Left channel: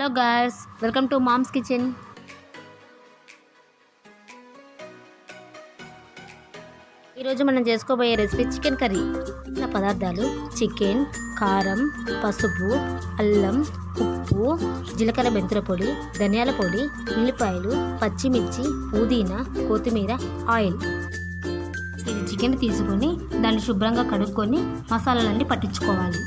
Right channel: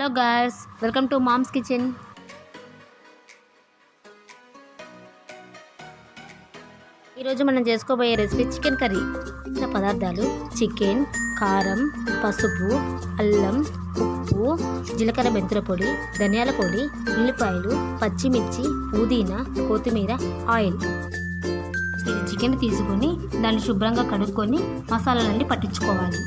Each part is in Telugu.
Hello guys, welcome to Mom's Kitchen. ఈరోజు మనం చేసుకోబోయే రెసిపీ చికెన్ కర్రీ. పదార్థాలు: చికెన్, కారం, పసుపు, అల్లం, ఉప్పు, జీలకర్ర, మెంతుల పొడి, ధనియాల పొడి, ఉల్లిపాయలు, పచ్చిమిర్చి, పుదీనా, కొత్తిమీర, ఆయిల్. ఇది చికెన్ తీసుకొని దాన్ని శుభ్రంగా కడుక్కొని మసాలాలన్నీ పట్టించుకోవాలి.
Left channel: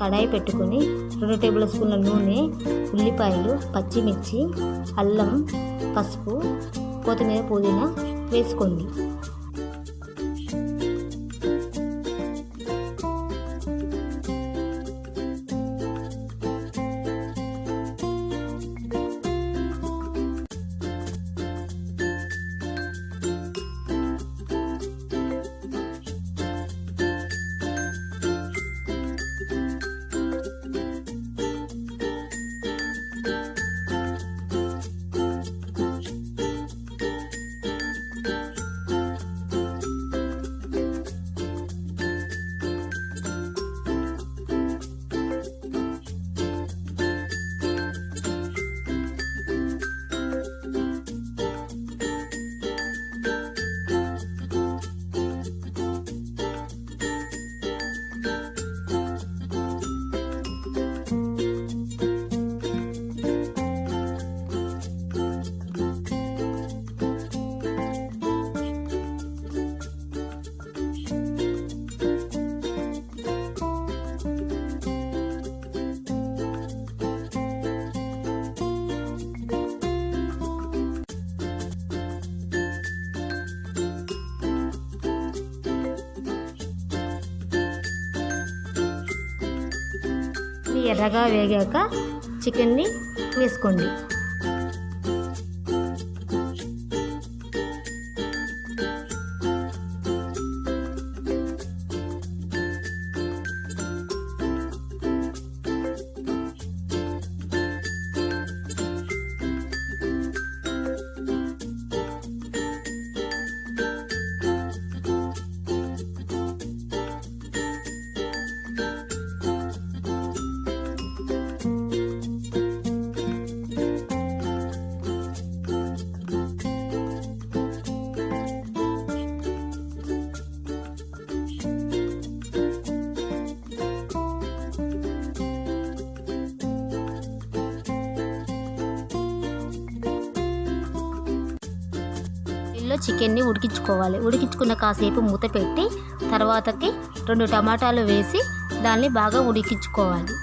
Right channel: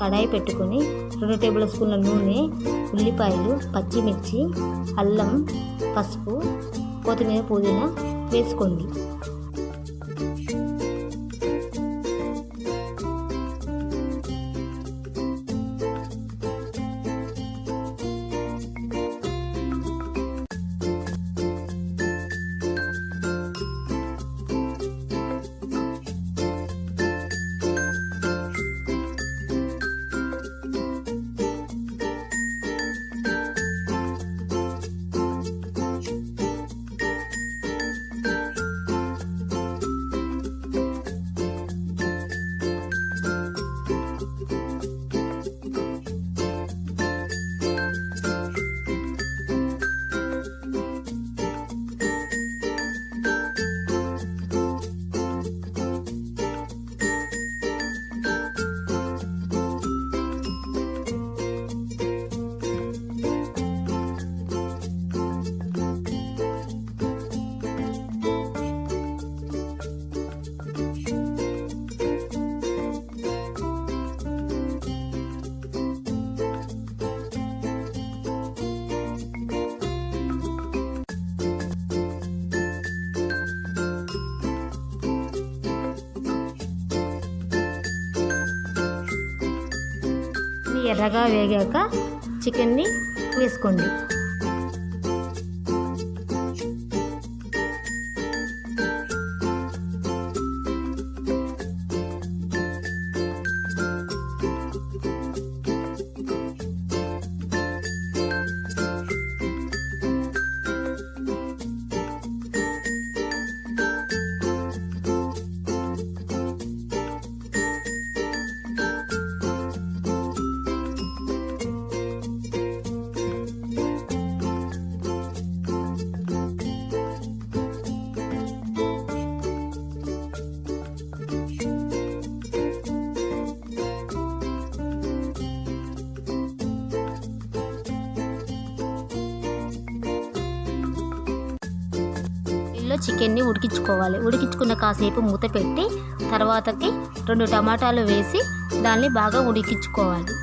కడాయి పెట్టుకొని 2 టేబుల్ స్పూన్ల నూనె, ఉల్లిపాయలు, పచ్చిమిర్చి, అల్లం, పసుపు, కొత్తిమీర, పుదీనా వేసుకోండి. ఎర్రగా వేగాక చికెన్ని వేసుకోండి. చికెన్ని ఉడికించుకోవాలి. ఉడికించుకున్న కాసేపు మూత పెట్టి తర్వాతకి 2 టమాటాలు వేసి దాన్ని బాగా ఉడికించుకోవాలి.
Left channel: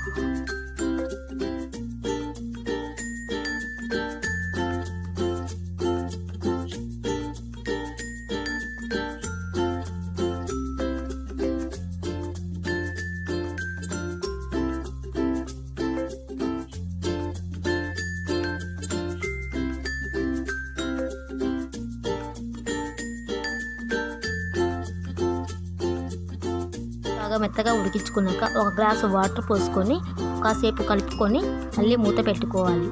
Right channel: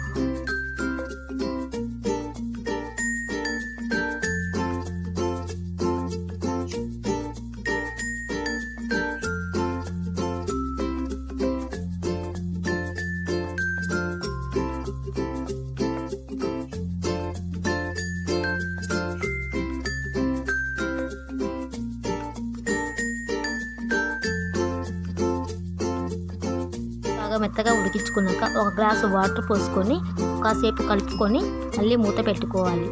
బాగా మెత్తగా ఉడికించుకున్నాక 1 గ్లాసు వాటర్ పోసుకొని కాసేపు కలుపుకొని మళ్ళీ మూత పెట్టుకోవాలి.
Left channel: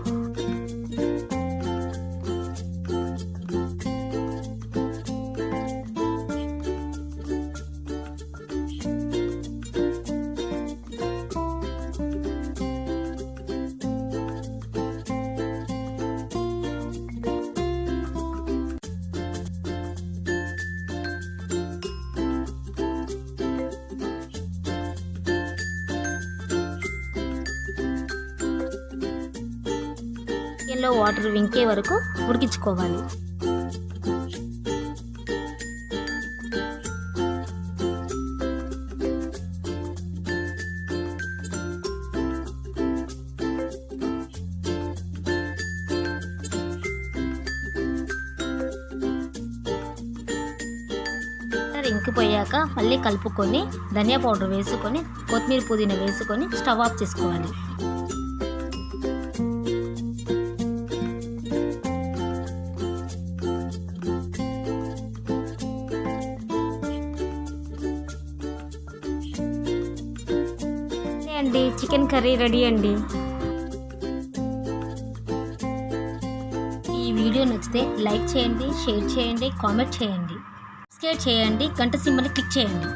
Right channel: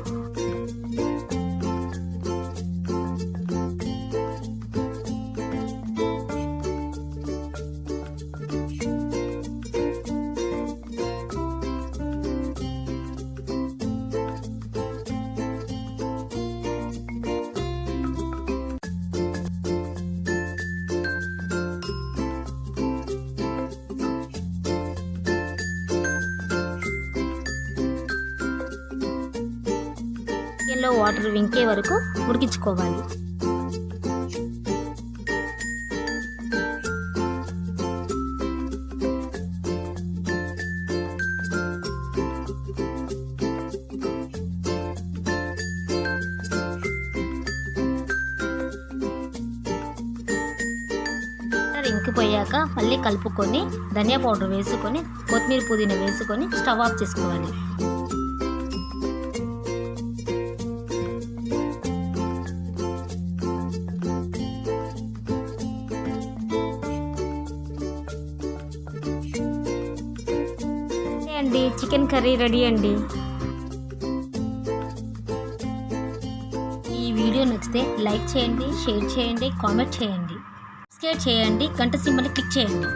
చికెన్లో వాటర్ ఇంకే వరకు ఉడికించుకోవాలి. ఇంకిపోయాక మళ్ళీ కలుపుకొని ధనియా పౌడర్ వేసుకొని కొత్తిమీర పుదీనా వేసుకొని స్టవ్ ఆఫ్ చేసుకోవాలి. అండి చికెన్ కర్రీ రెడీ అండి. ఈ వీడియో నచ్చితే లైక్ చేయండి, షేర్ చేయండి, కామెంట్ చేయండి, సబ్స్క్రైబ్ చేయండి, గంట సింబల్ని క్లిక్ చేయండి.